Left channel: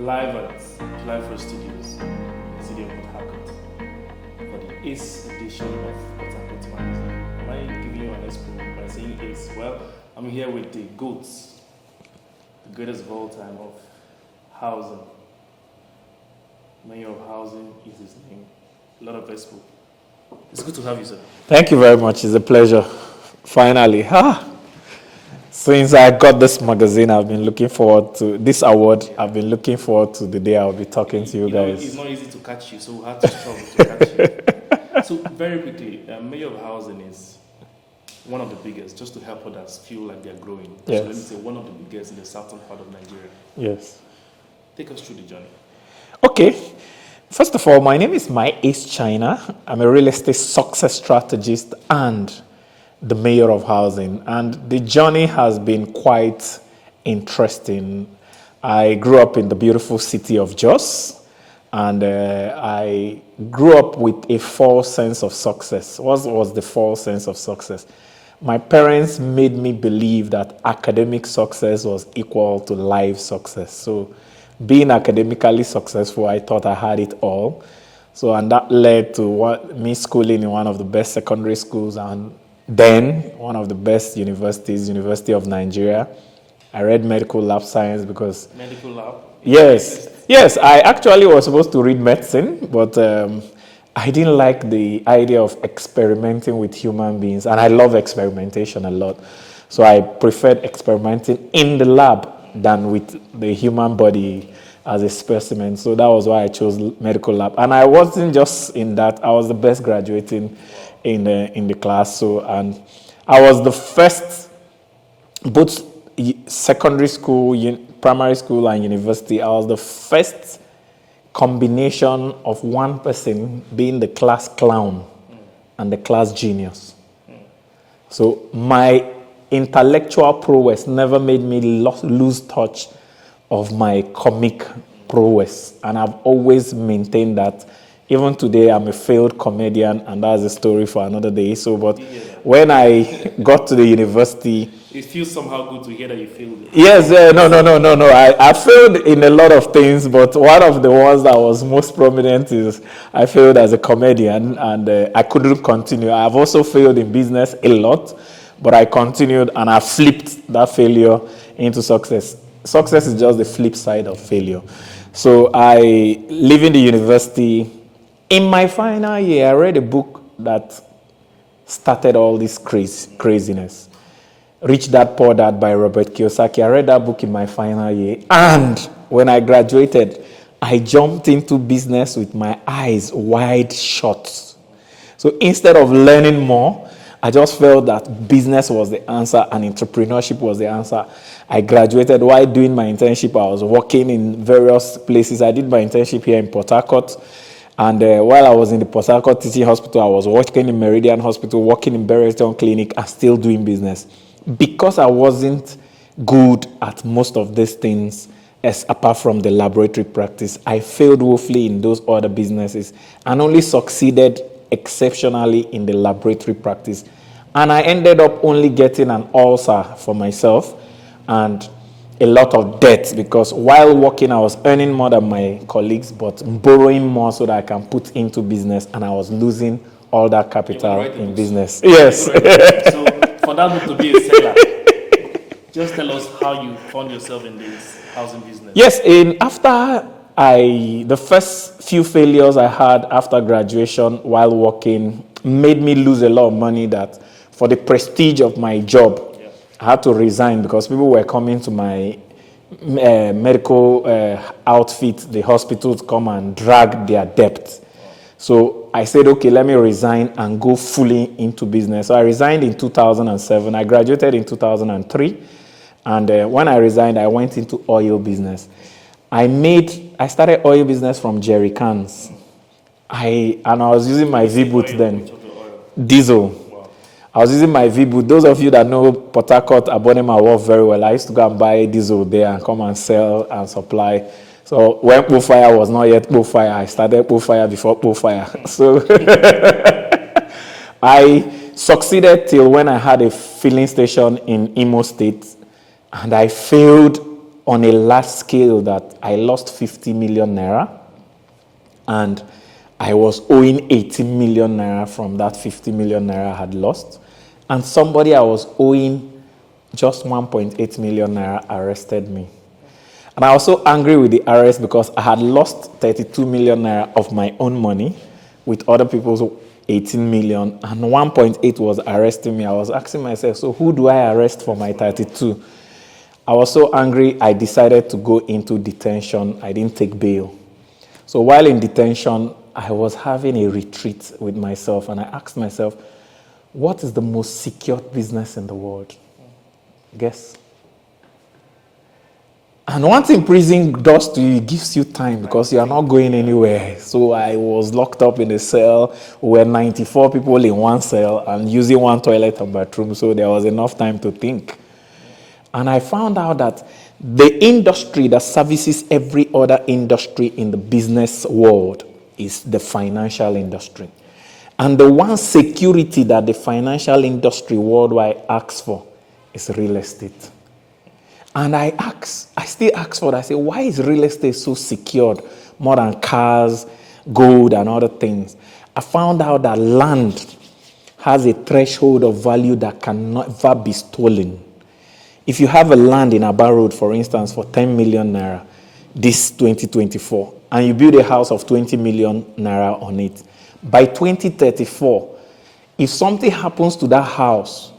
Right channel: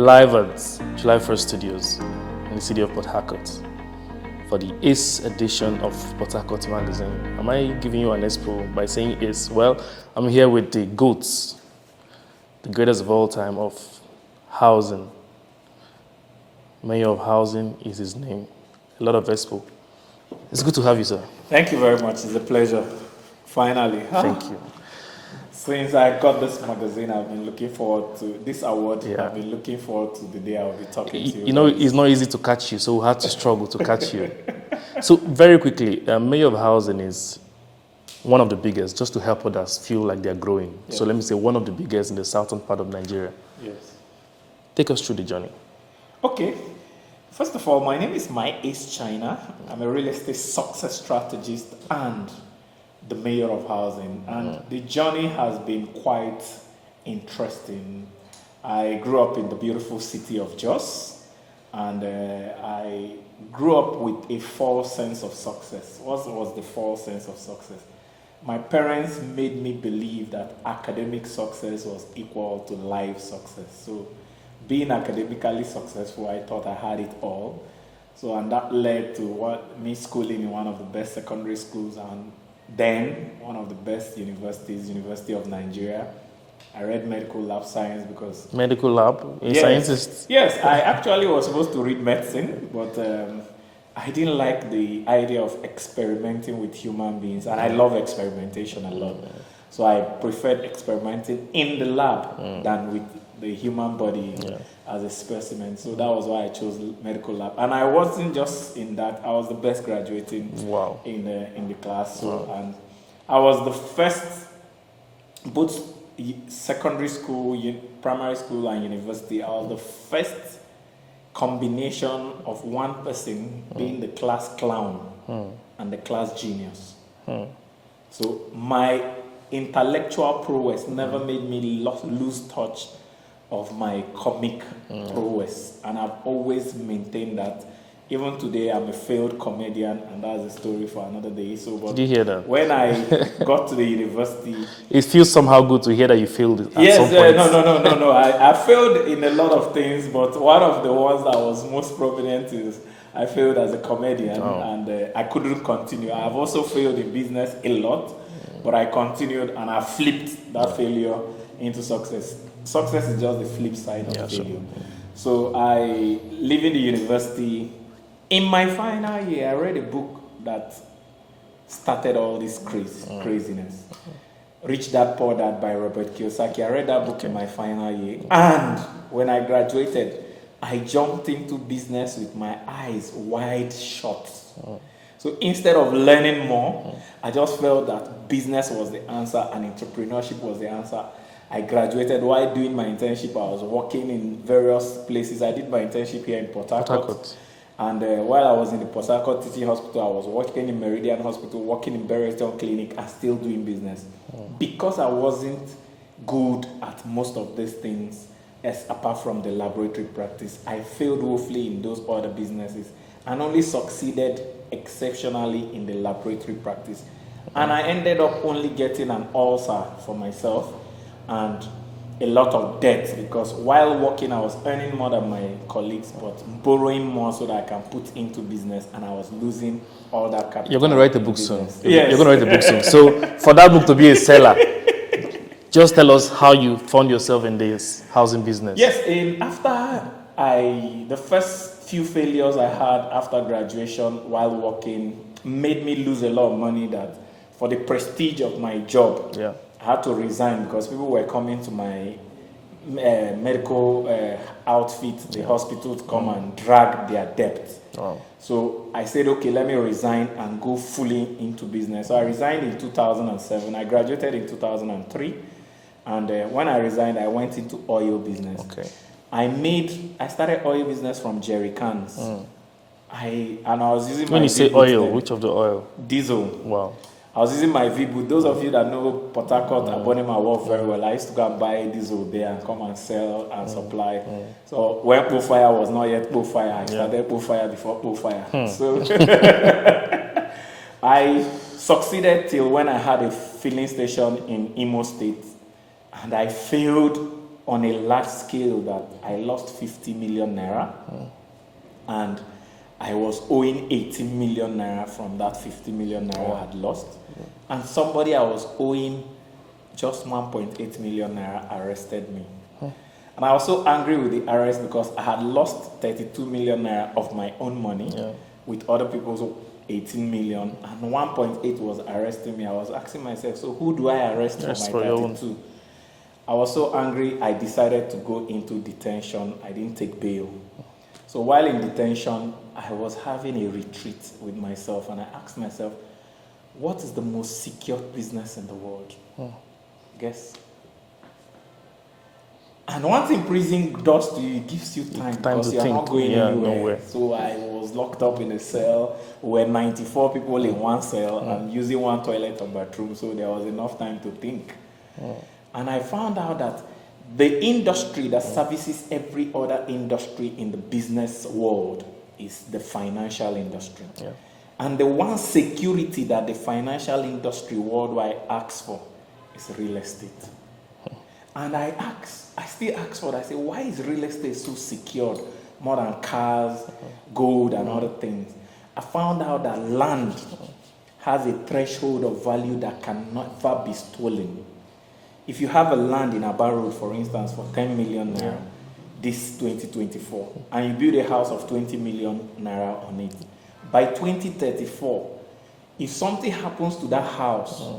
live at July 1st Studios in the city of Port Harcourt for the Ace edition of Port Harcourt magazine. Am I giving you an expo by saying Ace? Well, I'm here with the GOATs, the greatest of all time of housing. Mayor of Housing is his name. A lot of expo. It's good to have you, sir. Thank you very much. It's a pleasure. Finally. Thank you. Since I got this magazine, I've been looking forward to this award. Yeah. I've been looking forward to the day I'll be talking to you. You know, guys. it's not easy to catch you, so we had to struggle to catch you. So very quickly, Mayor of Housing is one of the biggest, just to help others feel like they're growing. Yes. So let me say one of the biggest in the southern part of Nigeria. Yes. Take us through the journey. Okay. First of all, my name is My Ace China. I'm a real estate success strategist and the mayor of housing. And the journey has been quite interesting. I grew up in the beautiful city of Jos, and I grew up with a false sense of success. What was the false sense of success? My parents made me believe that academic success was equal to life success. So being academically successful, I thought I had it all. So, and that led to me schooling in one of the best secondary schools and then one of the best universities, University of Nigeria. I read medical lab science because... Medical lab? Yes, I actually was supposed to read medicine, but I didn't like the idea of experimenting with human beings, and I love experimentation a lot. So I preferred experimenting in the lab than with the human body as a specimen. So that was why I chose medical lab. And I wasn't just in that. I was the best graduating in the class. So, and I was the first, both secondary school, primary school, and university. I was the first combination of one person being the class clown and the class genius. So my intellectual prowess never made me lose touch of my comic prowess, and I've always maintained that. Even today, I'm a failed comedian, and that's a story for another day. So, but did you hear that? When I got to the university, it feels somehow good to hear that you failed it. Yes, no. I failed in a lot of things, but one of the ones that was most prominent is I failed as a comedian, and I couldn't continue. I've also failed in business a lot, but I continued, and I flipped that failure into success. Success is just the flip side of failure. So I leaving the university. In my final year, I read a book that started all this craziness. Rich Dad, Poor Dad by Robert Kiyosaki. I read that book in my final year. And when I graduated, I jumped into business with my eyes wide shut. So instead of learning more, I just felt that business was the answer and entrepreneurship was the answer. I graduated. While doing my internship, I was working in various places. I did my internship here in Port Harcourt. And while I was in the Port Harcourt Teaching Hospital, I was working in Meridian Hospital, working in Berrytown Clinic, and still doing business. Because I wasn't good at most of these things, apart from the laboratory practice, I failed woefully in those other businesses and only succeeded exceptionally in the laboratory practice. And I ended up only getting an ulcer for myself and a lot of debt, because while working, I was earning more than my colleagues, but borrowing more so that I can put into business, and I was losing all that capital. You're going to write a book business. Soon. Yes. You're going to write a book soon. So for that book to be a seller, just tell us how you found yourself in this housing business. Yes, after the first few failures I had after graduation while working made me lose a lot of money that for the prestige of my job, I had to resign because people were coming to my medical outfit, the hospital, to come and drag their debt. So I said, okay, let me resign and go fully into business. So I resigned in 2007. I graduated in 2003. And when I resigned, I went into oil business. I started oil business from jerry cans. And I was using my V-boot then. Which of the oil? Diesel. Wow. I was using my V-boot. Those of you that know Port Harcourt, Abonema work very well. I used to go and buy diesel there and come and sell and supply. So when Profire was not yet Profire, I started Profire before Profire. So I succeeded till when I had a filling station in Imo State, and I failed on a large scale that I lost 50 million naira, and I was owing 18 million naira from that 50 million naira I had lost. And somebody I was owing just 1.8 million naira arrested me. And I was so angry with the arrest because I had lost 32 million naira of my own money with other people's 18 million, and 1.8 was arresting me. I was asking myself, so who do I arrest for my 32? I was so angry, I decided to go into detention. I didn't take bail. So while in detention, I was having a retreat with myself, and I asked myself, what is the most secure business in the world? Guess. And one thing prison does to you, it gives you time because you are not going anywhere. So I was locked up in a cell. We were 94 people in one cell and using one toilet and bathroom. So there was enough time to think. And I found out that the industry that services every other industry in the business world is the financial industry. And the one security that the financial industry worldwide asks for is real estate. And I still ask for that. I say, why is real estate so secured more than cars, gold, and other things? I found out that land has a threshold of value that can never be stolen. If you have a land in Aba Road, for instance, for 10 million naira, this 2024, and you build a house of 20 million naira on it, by 2034, if something happens to that house,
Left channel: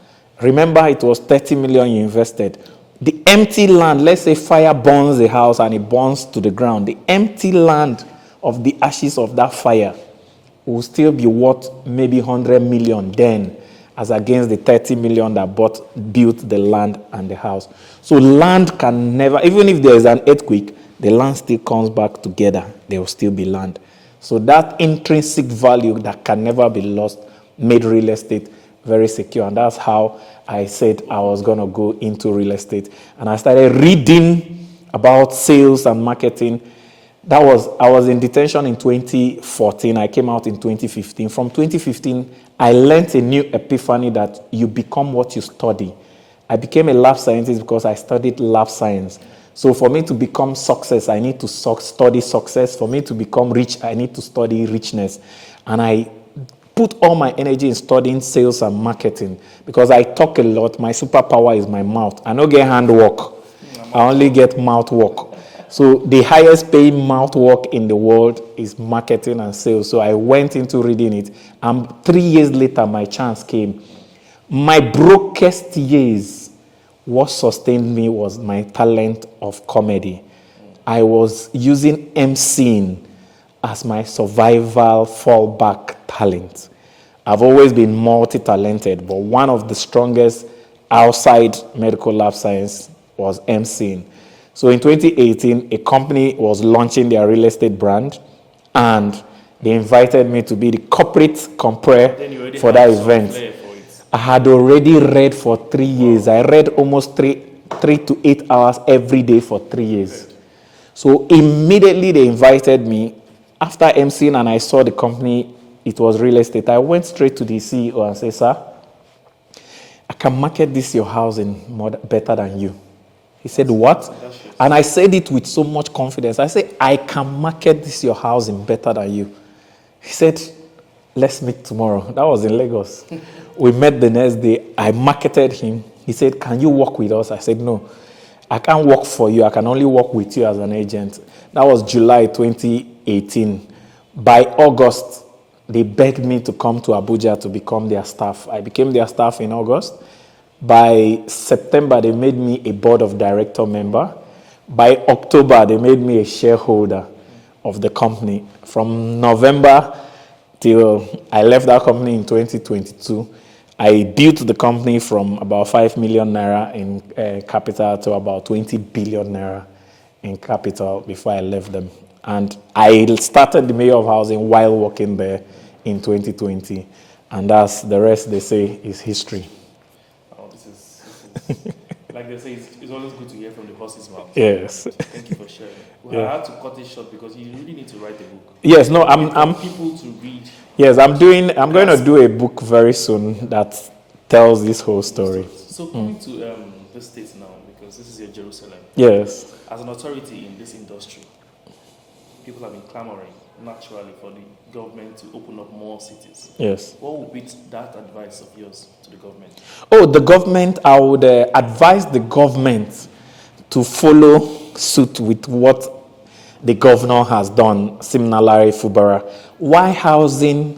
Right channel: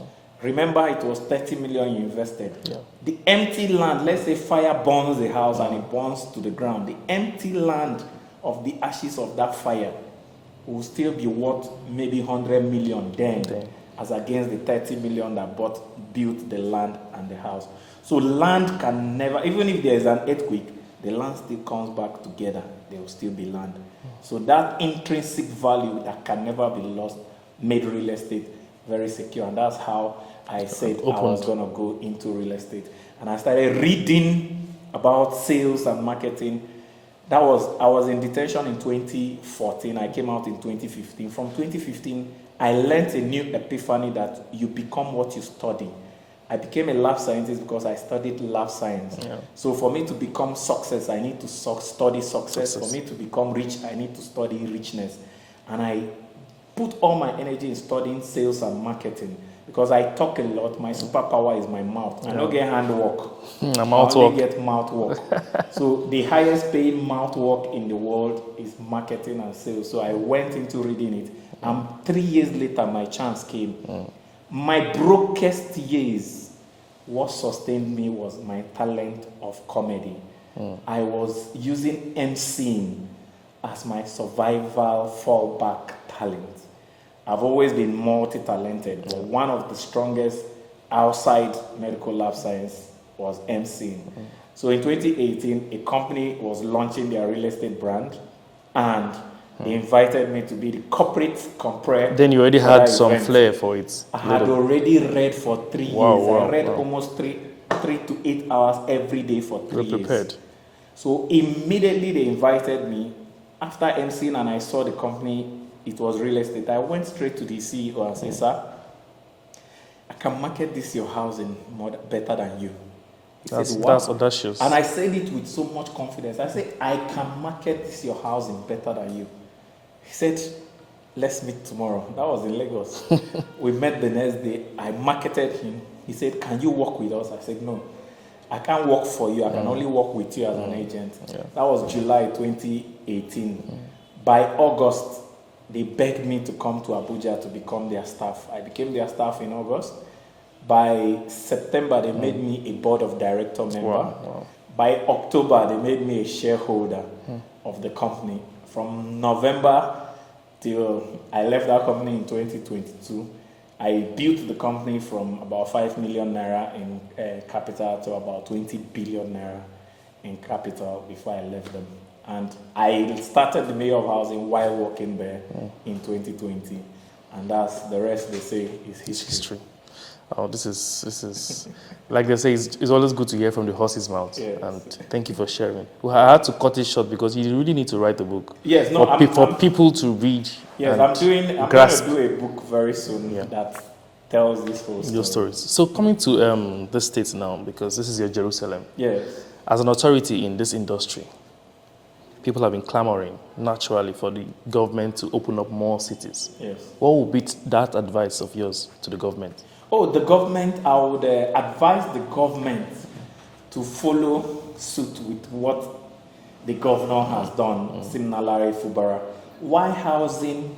remember it was 30 million you invested. The empty land, let's say fire burns the house and it burns to the ground, the empty land of the ashes of that fire will still be worth maybe 100 million then, as against the 30 million that built the land and the house. So land can never, even if there is an earthquake, the land still comes back together. There will still be land. So that intrinsic value that can never be lost made real estate very secure. And that's how I said I was going to go into real estate. And I started reading about sales and marketing. I was in detention in 2014. I came out in 2015. From 2015, I learned a new epiphany that you become what you study. I became a lab scientist because I studied lab science. So for me to become success, I need to study success. For me to become rich, I need to study richness. And I put all my energy in studying sales and marketing because I talk a lot. My superpower is my mouth. I don't get hand work. I only get mouth work. So the highest paying mouth work in the world is marketing and sales. So I went into reading it. And 3 years later, my chance came. My brokest years, what sustained me was my talent of comedy. I was using emceeing as my survival fallback talent. I've always been multi-talented, but one of the strongest outside medical lab science was emceeing. So in 2018, a company was launching their real estate brand, and they invited me to be the corporate compere. Then you already had some flair for it. I had already read for 3 years. I read almost 3 to 8 hours every day for 3 years. So immediately they invited me. After emceeing and I saw the company, it was real estate, I went straight to the CEO and said, sir, I can market this your housing better than you. He said, what? That's audacious. And I said it with so much confidence. I said, I can market this your housing better than you. He said, let's meet tomorrow. That was in Lagos. We met the next day. I marketed him. He said, can you work with us? I said, no, I can't work for you. I can only work with you as an agent. That was July 2018. By August, they begged me to come to Abuja to become their staff. I became their staff in August. By September, they made me a board of director member. By October, they made me a shareholder of the company. From November till I left that company in 2022, I built the company from about 5 million naira in capital to about 20 billion naira in capital before I left them. And I started the Mayor of Housing while working there in 2020. And that's the rest, they say, is history. Oh, this is like they say, it's always good to hear from the horse's mouth. Yes. And thank you for sharing. Well, I had to cut it short because you really need to write a book. Yes, no, I'm people to read. Yes, I'm going to do a book very soon that tells this whole Your story. stories. So coming to the States now, because this is your Jerusalem. Yes. As an authority in this industry, people have been clamoring naturally for the government to open up more cities. Yes. What would be that advice of yours to the government? Oh, the government, I would advise the government to follow suit with what the governor has done, similarly Fubara. Why housing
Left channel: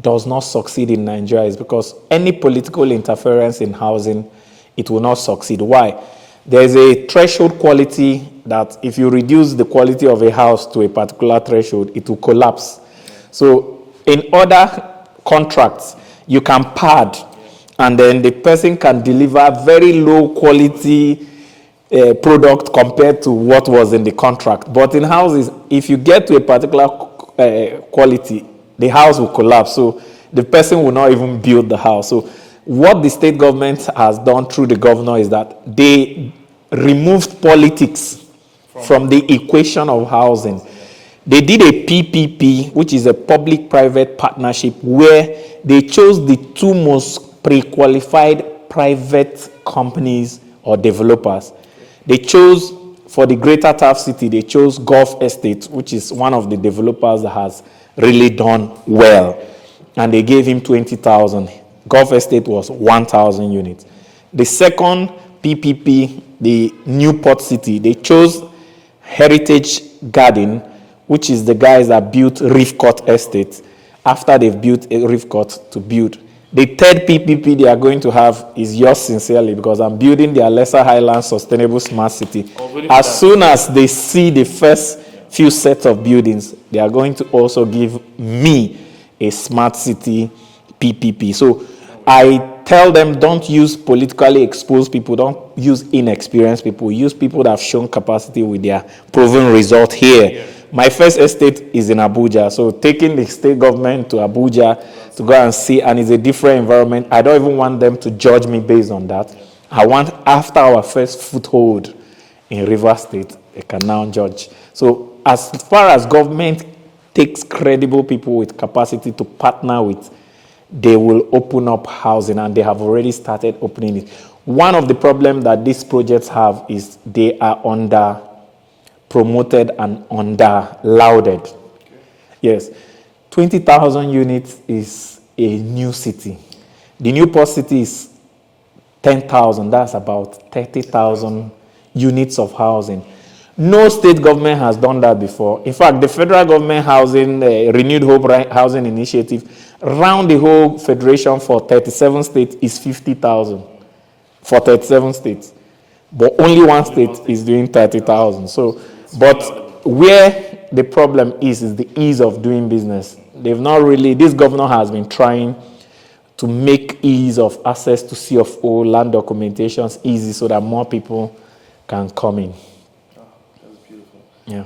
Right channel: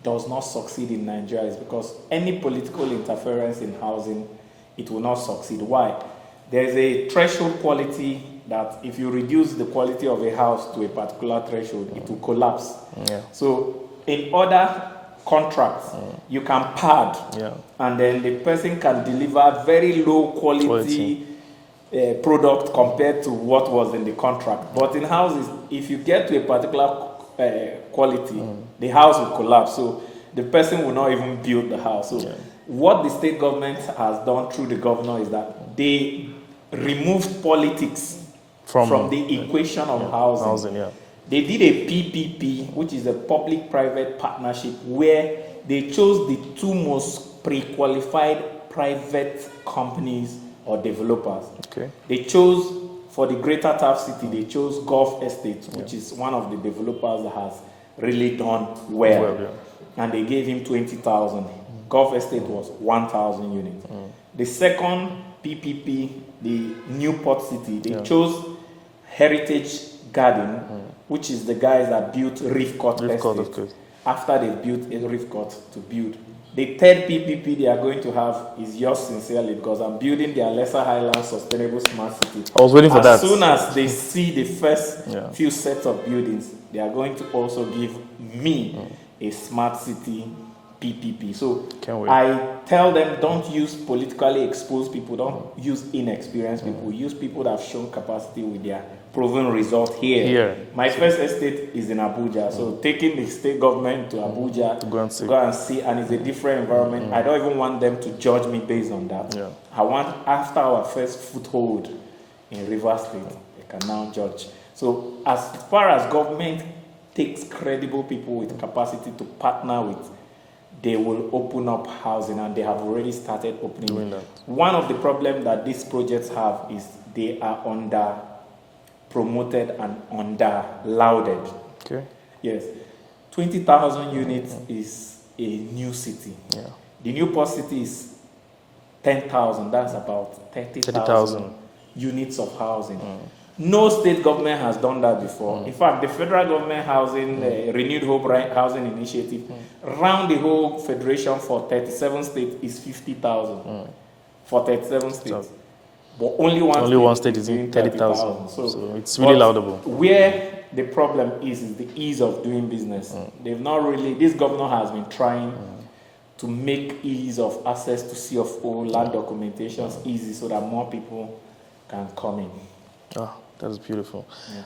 does not succeed in Nigeria is because any political interference in housing, it will not succeed. Why? There's a threshold quality that if you reduce the quality of a house to a particular threshold, it will collapse. Yeah. So in other contracts, you can pad, and then the person can deliver very low quality product compared to what was in the contract. But in houses, if you get to a particular quality, the house will collapse. So the person will not even build the house. So what the state government has done through the governor is that they removed politics from the equation of housing. They did a PPP, which is a public-private partnership, where they chose the two most pre-qualified private companies or developers. Okay. They chose, for the Greater Taft City, they chose Gulf Estate, which is one of the developers that has really done well. And they gave him 20,000. Gulf Estate was 1,000 units. The second PPP, the Newport City, they chose Heritage Garden, which is the guys that built Reef Court Estate. After they've built a Reef Court to build. The third PPP they are going to have is yours sincerely, because I'm building their Lesser Highlands Sustainable Smart City. I was waiting for that. As soon as they see the first few sets of buildings, they are going to also give me a smart city PPP. So I tell them, don't use politically exposed people, don't use inexperienced people, use people that have shown capacity with their proven result here. My first estate is in Abuja, so taking the state government to Abuja to go and see, and it's a different environment. I don't even want them to judge me based on that. I want, after our first foothold in River State, they can now judge. So as far as government takes credible people with capacity to partner with, they will open up housing, and they have already started opening it. One of the problems that these projects have is they are under promoted and under lauded. Okay. Yes. 20,000 units is a new city. The Newport City is 10,000. That's about 30,000 units of housing. No state government has done that before. In fact, the federal government housing, Renewed Hope Housing Initiative, round the whole federation for 37 states is 50,000 for 37 states. But only one state is doing 30,000. So it's really laudable. Where the problem is the ease of doing business. They've not really, this governor has been trying to make ease of access to CFO, land documentations easy so that more people can come in. Oh, that's beautiful. Yeah.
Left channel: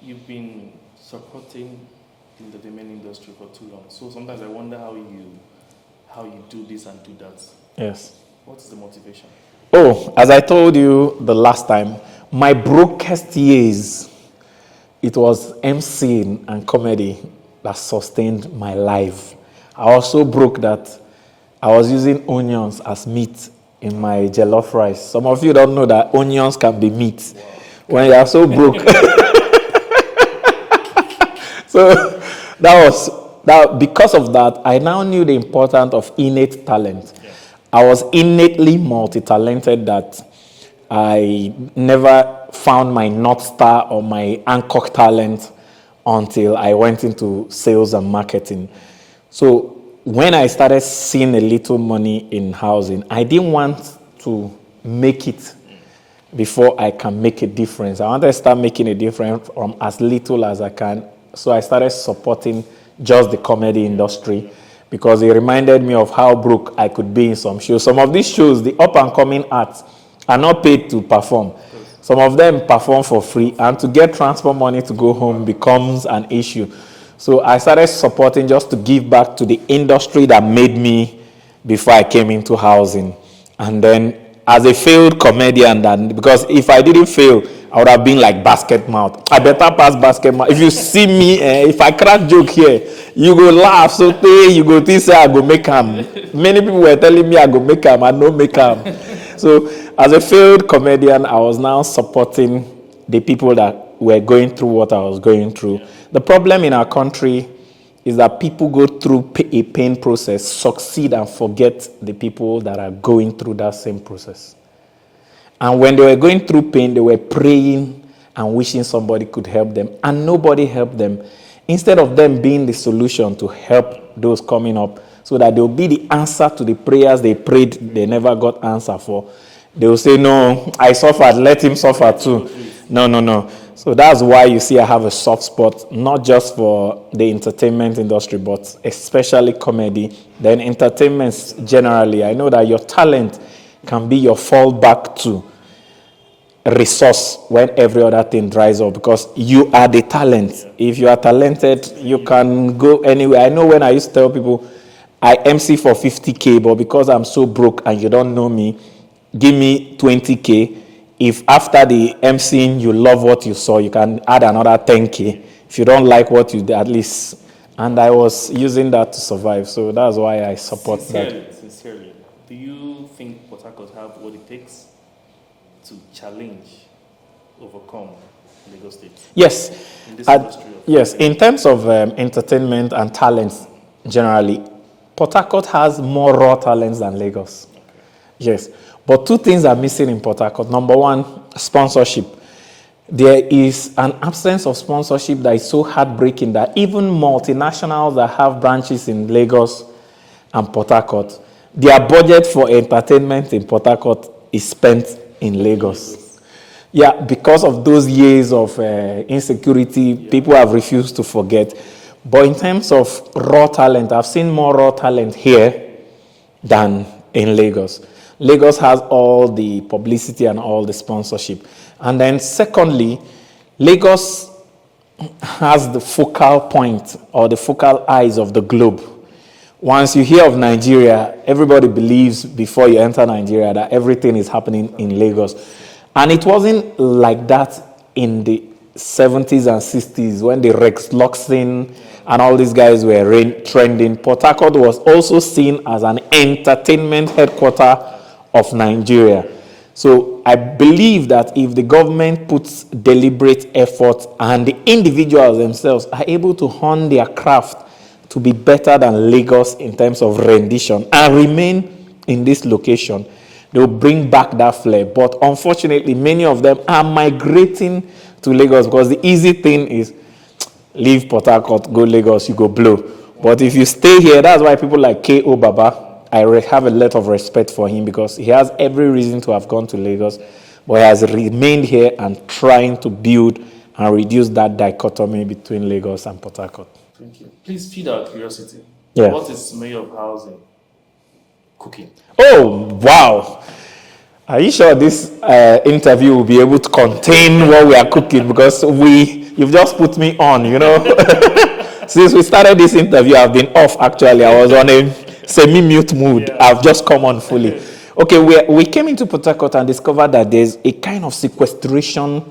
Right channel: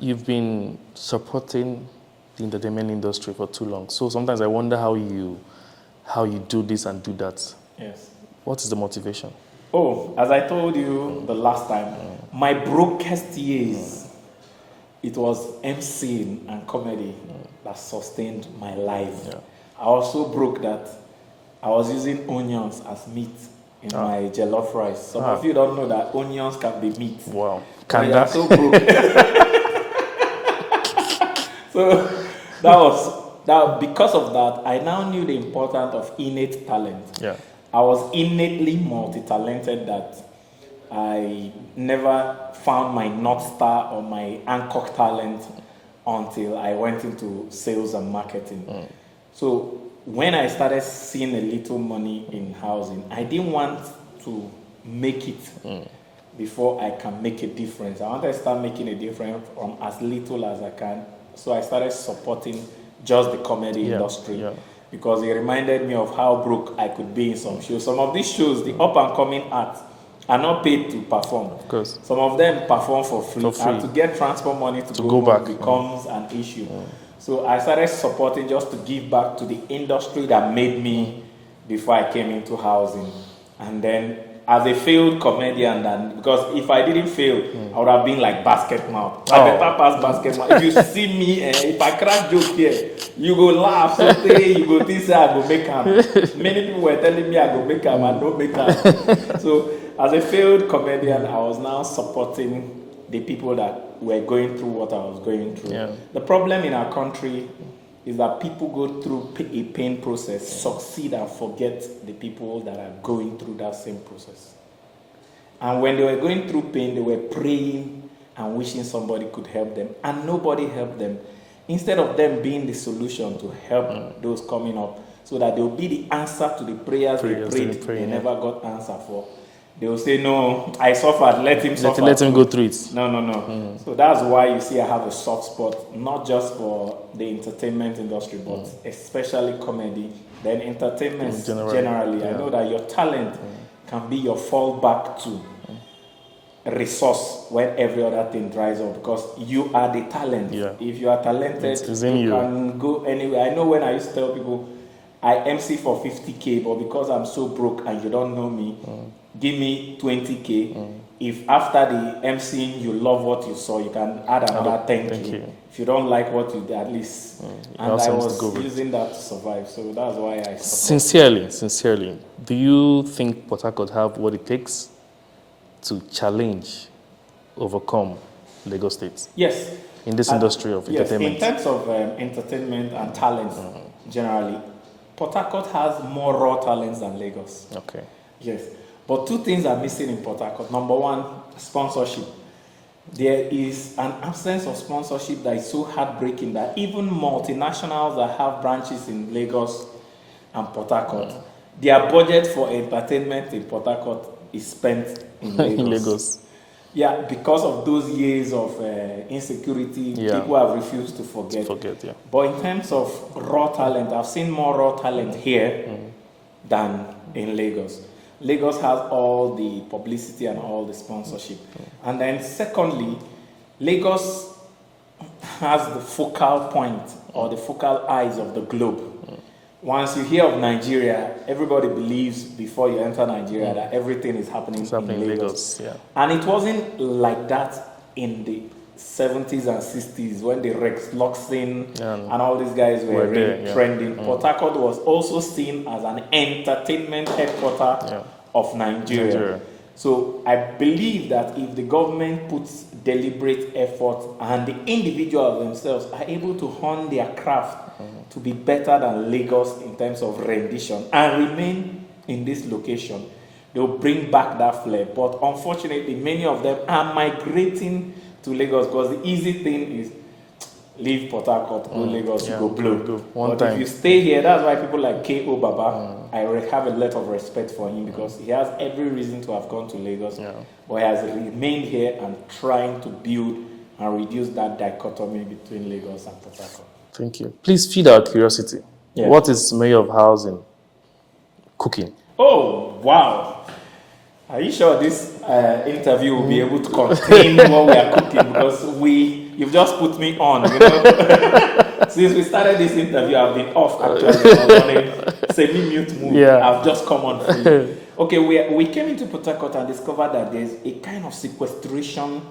You've been supporting the entertainment industry for too long. So sometimes I wonder how you do this and do that. Yes. What is the motivation? Oh, as I told you the last time, my brokest years, it was MCing and comedy that sustained my life. Yeah. I also broke that I was using onions as meat in my jollof rice. Some of you don't know that onions can be meat. Wow. When you are so broke. So because of that, I now knew the importance of innate talent. Yeah. I was innately multi-talented that I never found my North Star or my anchor talent until I went into sales and marketing. So when I started seeing a little money in housing, I didn't want to make it before I can make a difference. I wanted to start making a difference from as little as I can. So I started supporting just the comedy industry because it reminded me of how broke I could be in some shows. Some of these shows, the up-and-coming acts, are not paid to perform. Some of them perform for free, and to get transport money to go home becomes an issue. So I started supporting just to give back to the industry that made me before I came into housing. And then as a failed comedian, because if I didn't fail, I would have been like basket mouth. I better pass basket mouth. If you see me, if I crack joke here, you go laugh, so you go think say I go make am. Many people were telling me I go make am, I no make am. So as a failed comedian, I was now supporting the people that were going through what I was going through. Yeah. The problem in our country is that people go through a pain process, succeed, and forget the people that are going through that same process. And when they were going through pain, they were praying and wishing somebody could help them, and nobody helped them. Instead of them being the solution to help those coming up, so that they'll be the answer to the prayers they prayed, they never got answer for, they will say, no, I suffered, let him suffer let too. him go through it. No. So that's why you see I have a soft spot, not just for the entertainment industry, but especially comedy. Then entertainment generally. I know that your talent can be your fallback to resource when every other thing dries up, because you are the talent. Yeah. If you are talented, you can go anywhere. I know when I used to tell people, I MC for 50K, but because I'm so broke and you don't know me, give me 20K. If after the MCing you love what you saw, you can add another 10K. If you don't like what you did, at least. And I was using that to survive. So that's why I support Sincerely, do you think Port Harcourt have what it takes to challenge, overcome Lagos State? Yes. In this industry of yes, in terms of entertainment and talents generally, Port Harcourt has more raw talents than Lagos. Okay. Yes. But two things are missing in Port Harcourt. Number one, sponsorship. There is an absence of sponsorship that is so heartbreaking that even multinationals that have branches in Lagos and Port Harcourt, their budget for entertainment in Port Harcourt is spent in Lagos. Yeah, because of those years of insecurity, people have refused to forget. But in terms of raw talent, I've seen more raw talent here than in Lagos. Lagos has all the publicity and all the sponsorship. And then secondly, Lagos has the focal point or the focal eyes of the globe. Once you hear of Nigeria, everybody believes before you enter Nigeria that everything is happening in Lagos. And it wasn't like that in the 70s and 60s when the Rex Luxin and all these guys were trending. Port Harcourt was also seen as an entertainment headquarter of Nigeria. So I believe that if the government puts deliberate effort and the individuals themselves are able to hone their craft to be better than Lagos in terms of rendition and remain in this location, they'll bring back that flair. But unfortunately, many of them are migrating to Lagos because the easy thing is leave Port Harcourt, go Lagos, you go blow. But if you stay here, that's why people like K.O. Baba, I have a lot of respect for him because he has every reason to have gone to Lagos, but he has remained here and trying to build and reduce that dichotomy between Lagos and Port Harcourt. Thank you. Please feed our curiosity. Yeah. What is Mayor of Housing cooking? Oh, wow. Are you sure this interview will be able to contain what we are cooking? Because you've just put me on, you know. Since we started this interview, I've been off actually. I was on a semi-mute mood. I've just come on fully. Okay, we came into Port Harcourt and discovered that there's a kind of sequestration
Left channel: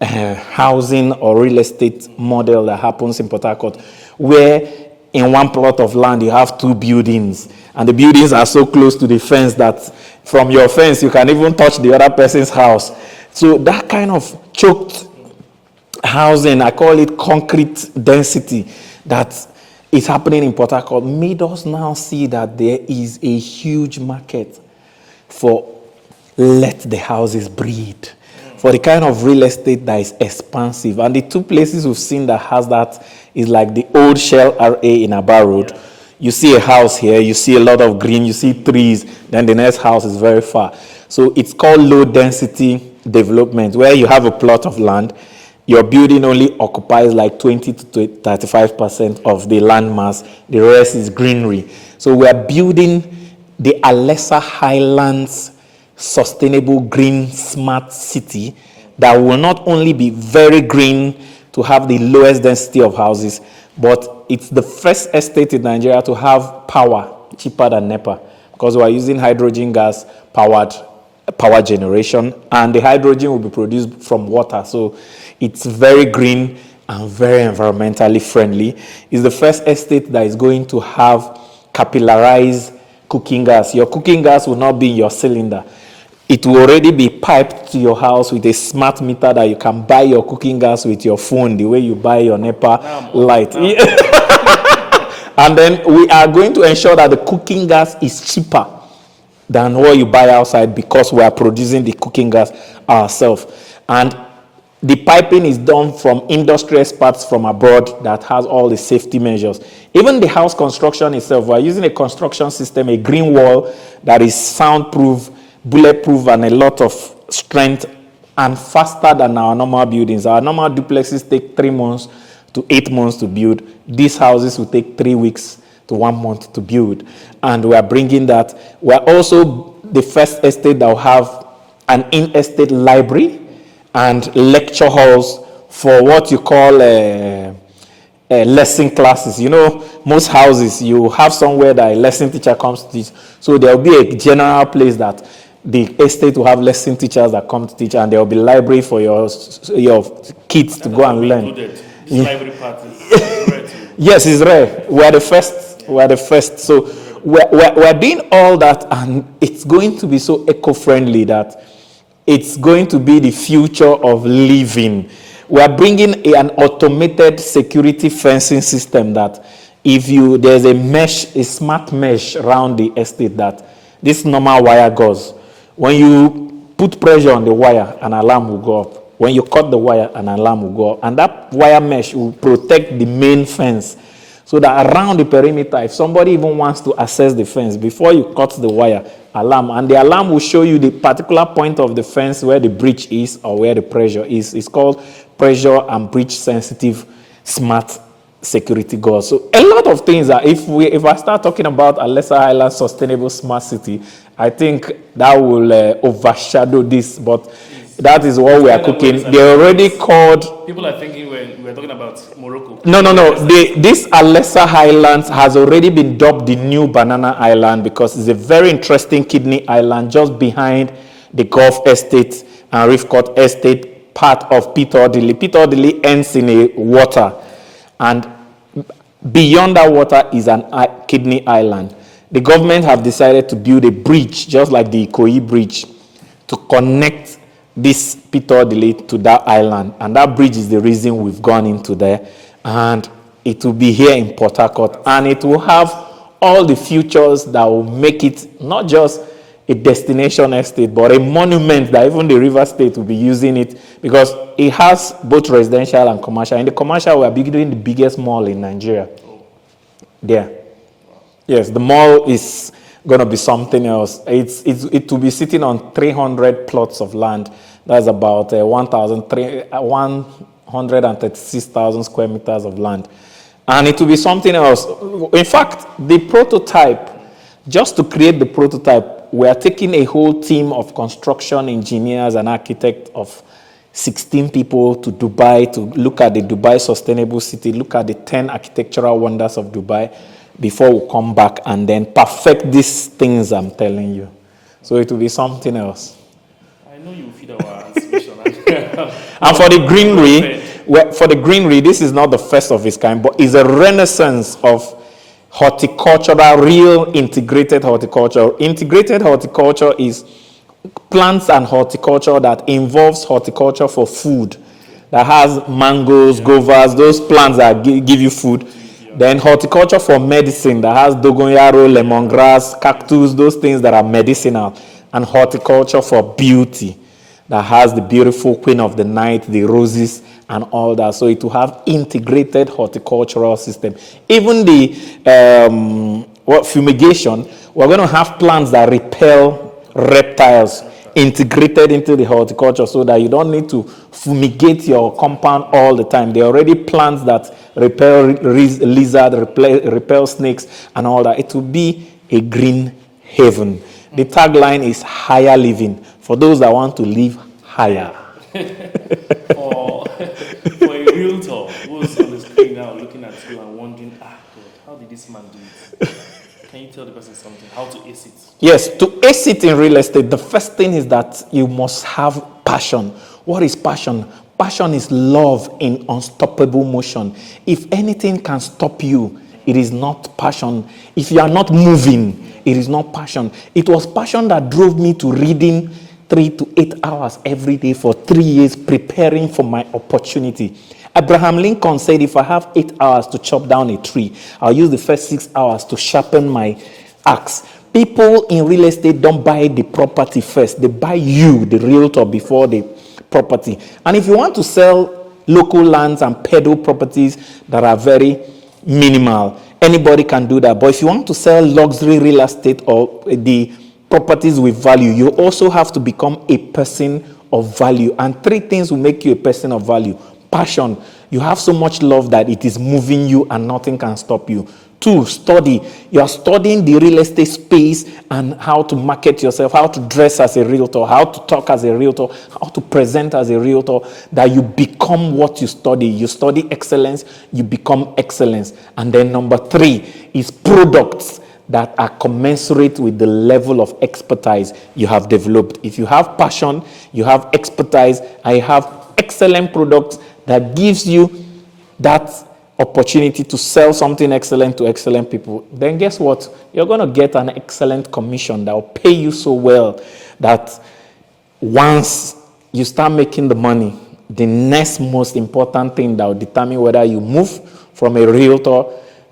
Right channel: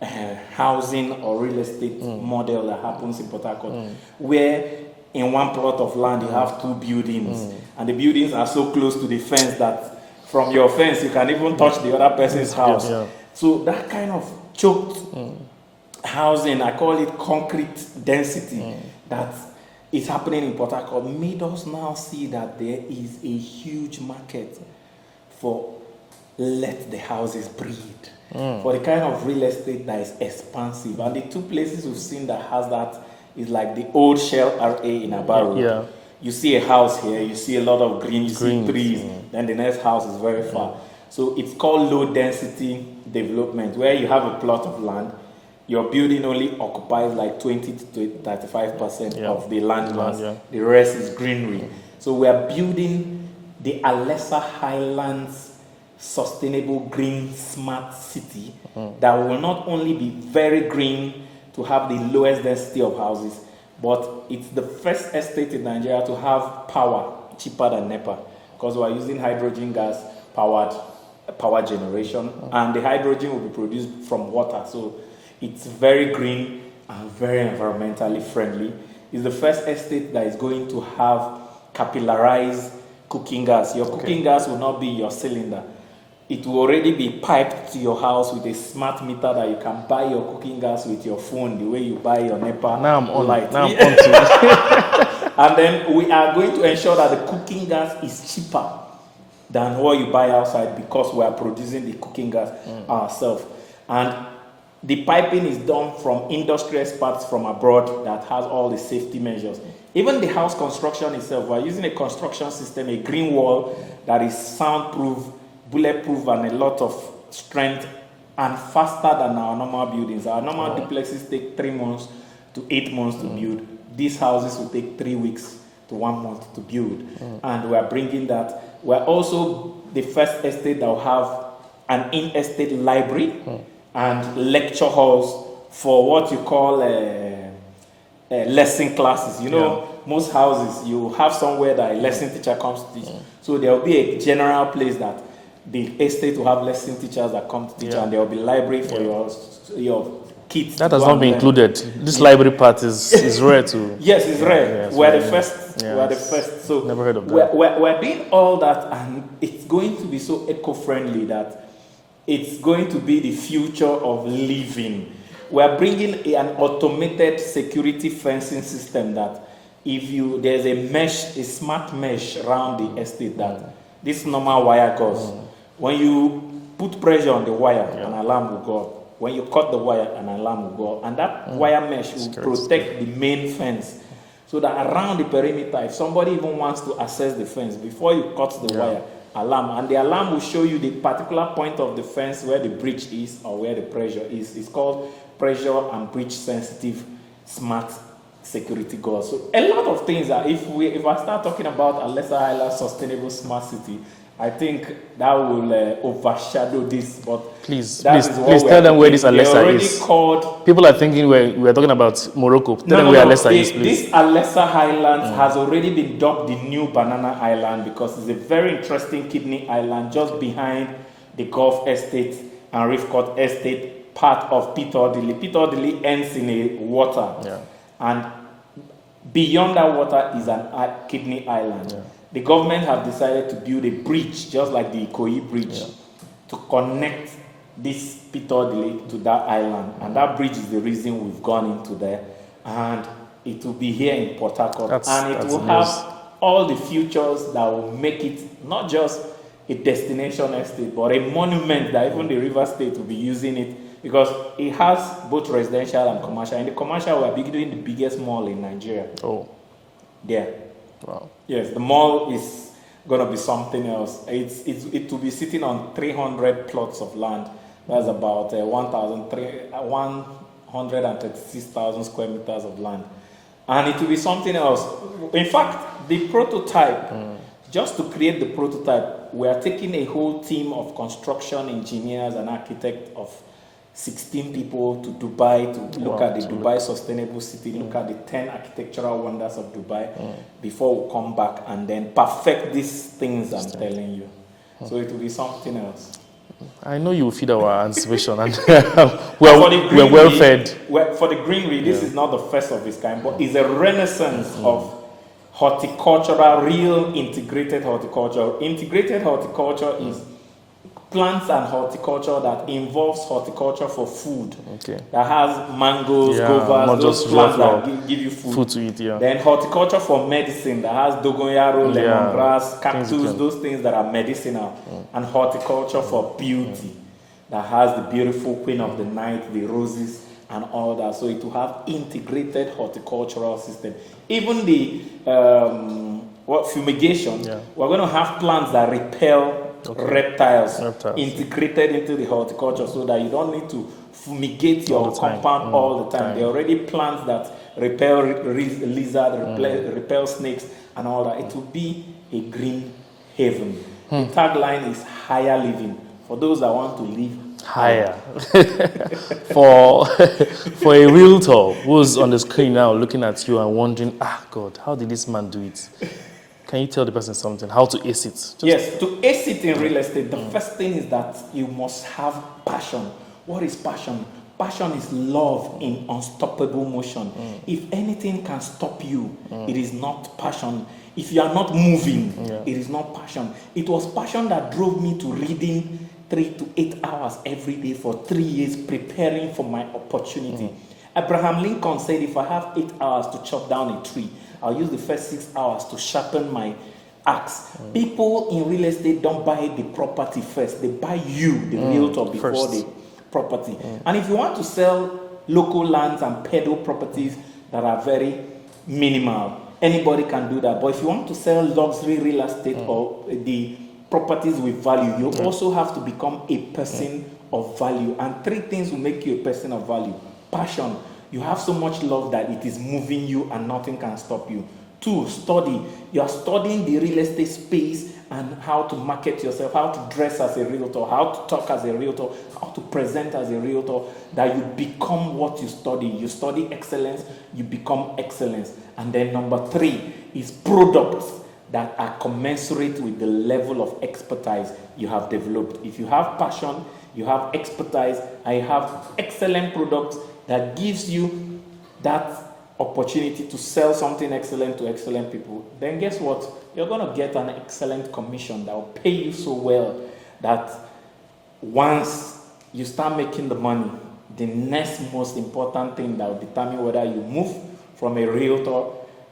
housing or real estate model that happens in Port Harcourt, where in one plot of land you have two buildings, and the buildings are so close to the fence that from your fence you can even touch the other person's house. So that kind of choked housing, I call it concrete density, that is happening in Port Harcourt, made us now see that there is a huge market for let the houses breathe, for the kind of real estate that is expansive. And the two places we've seen that has that is like the old Shell RA in Aba Road. You see a house here, you see a lot of green, you see trees, then the next house is very far. So it's called low density development, where you have a plot of land, your building only occupies like 20 to 35% of the land mass. The rest is greenery. So we are building the Alessa Highlands sustainable green smart city that will not only be very green to have the lowest density of houses, but it's the first estate in Nigeria to have power cheaper than NEPA, because we are using hydrogen gas powered power generation, and the hydrogen will be produced from water. So it's very green and very environmentally friendly. It's the first estate that is going to have capillarized cooking gas. Your cooking gas will not be in your cylinder. It will already be piped to your house with a smart meter that you can buy your cooking gas with your phone, the way you buy your NEPA light. And then we are going to ensure that the cooking gas is cheaper than what you buy outside, because we are producing the cooking gas ourselves. And the piping is done from industry experts from abroad that has all the safety measures. Even the house construction itself, we are using a construction system, a green wall that is soundproof, bulletproof, and a lot of strength, and faster than our normal buildings. Our normal duplexes take 3 months to 8 months to build. These houses will take 3 weeks to 1 month to build. And we are bringing that. We are also the first estate that will have an in-estate library and lecture halls for what you call lesson classes. You know, most houses, you have somewhere that a lesson teacher comes to teach. So there will be a general place that the estate will have lesson teachers that come to teach, and there will be library for your kids that to go go and and learn. Included. This library part is rare too. Yes, it's rare. We are the first. We are the first. So we're doing all that, and it's going to be so eco-friendly that it's going to be the future of living. We are bringing an automated security fencing system that if there's a mesh, a smart mesh around the estate that this normal wire goes. When you put pressure on the wire, an alarm will go up. When you cut the wire, an alarm will go up. And that wire mesh will protect the main fence. So that around the perimeter, if somebody even wants to access the fence, before you cut the wire, alarm. And the alarm will show you the particular point of the fence where the breach is or where the pressure is. It's called pressure and breach sensitive smart security goals. So a lot of things are, if I start talking about a Lesser Highland sustainable smart city, I think that will overshadow this, but that is what we are cooking. They already called. People are thinking we're talking about Morocco. No. This Lesser Highlands has already been dubbed the new Banana Island because it's a very interesting kidney island just behind the Gulf Estate and Reef Court Estate, part of Peter Odili. Peter Odili ends in a water, and beyond that water is an kidney island. The government have decided to build a bridge, just like the Ikoyi Bridge, to connect this Peter Odili to that island. And that bridge is the reason we've gone into there. And it will be here in Port Harcourt. And it will have all the features that will make it not just a destination estate, but a monument that even the River State will be using it, because it has both residential and commercial. In the commercial, we are building the biggest mall in Nigeria. Oh. There. Yes, the mall is going to be something else. It will be sitting on 300 plots of land. That's about 136,000 square meters of land. And it will be something else. In fact, the prototype, just to create the prototype, we are taking a whole team of construction engineers and architects of 16 people to Dubai to look at the Dubai sustainable city, look at the 10 architectural wonders of Dubai, before we come back and then perfect these things I'm telling you. So it will be something else. I know you will feed our anticipation. And for the greenery, this is not the first of its kind, but it's a renaissance of horticultural, real integrated horticulture. Integrated horticulture is plants and horticulture that involves horticulture for food. That has mangoes, guavas, those plants that give you food to eat, Then horticulture for medicine that has dogonyaro, lemongrass, cactus, those things that are medicinal. And horticulture for beauty that has the beautiful queen of the night, the roses, and all that. So it will have integrated horticultural system. Even the fumigation, we're going to have plants that repel reptiles integrated into the horticulture, so that you don't need to fumigate your compound all the time. There are already plants that repel lizard, repel snakes, and all that. It will be a green haven. The tagline is higher living for those that want to live higher. for a realtor who's on the screen now looking at you and wondering, God, how did this man do it? Can you tell the person something? How to ace it? Yes, to ace it in real estate, the first thing is that you must have passion. What is passion? Passion is love in unstoppable motion. If anything can stop you, it is not passion. If you are not moving, it is not passion. It was passion that drove me to reading 3 to 8 hours every day for 3 years, preparing for my opportunity. Abraham Lincoln said, if I have 8 hours to chop down a tree, I'll use the first 6 hours to sharpen my axe. People in real estate don't buy the property first. They buy you, the realtor, before the property. And if you want to sell local lands and peddle properties that are very minimal, anybody can do that. But if you want to sell luxury real estate or the properties with value, you also have to become a person of value. And 3 things will make you a person of value. Passion. You have so much love that it is moving you and nothing can stop you. 2, study. You are studying the real estate space and how to market yourself, how to dress as a realtor, how to talk as a realtor, how to present as a realtor, that you become what you study. You study excellence, you become excellence. And then number 3 is products that are commensurate with the level of expertise you have developed. If you have passion, you have expertise, and you have excellent products that gives you that opportunity to sell something excellent to excellent people, then guess what? You're going to get an excellent commission that will pay you so well that once you start making the money, the next most important thing that will determine whether you move from a realtor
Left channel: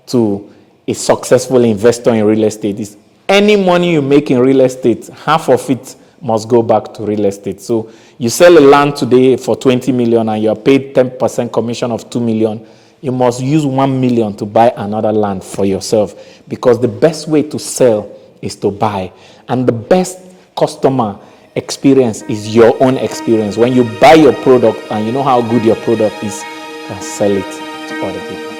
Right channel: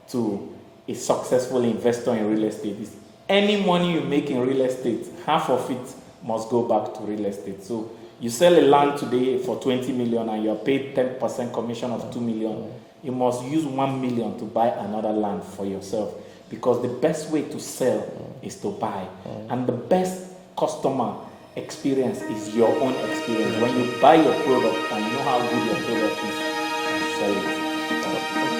to a successful investor in real estate is any money you make in real estate, half of it must go back to real estate. So you sell a land today for 20 million and you're paid 10% commission of 2 million. You must use 1 million to buy another land for yourself, because the best way to sell is to buy. And the best customer experience is your own experience. When you buy your product and you know how good your product is, you can sell it to other people.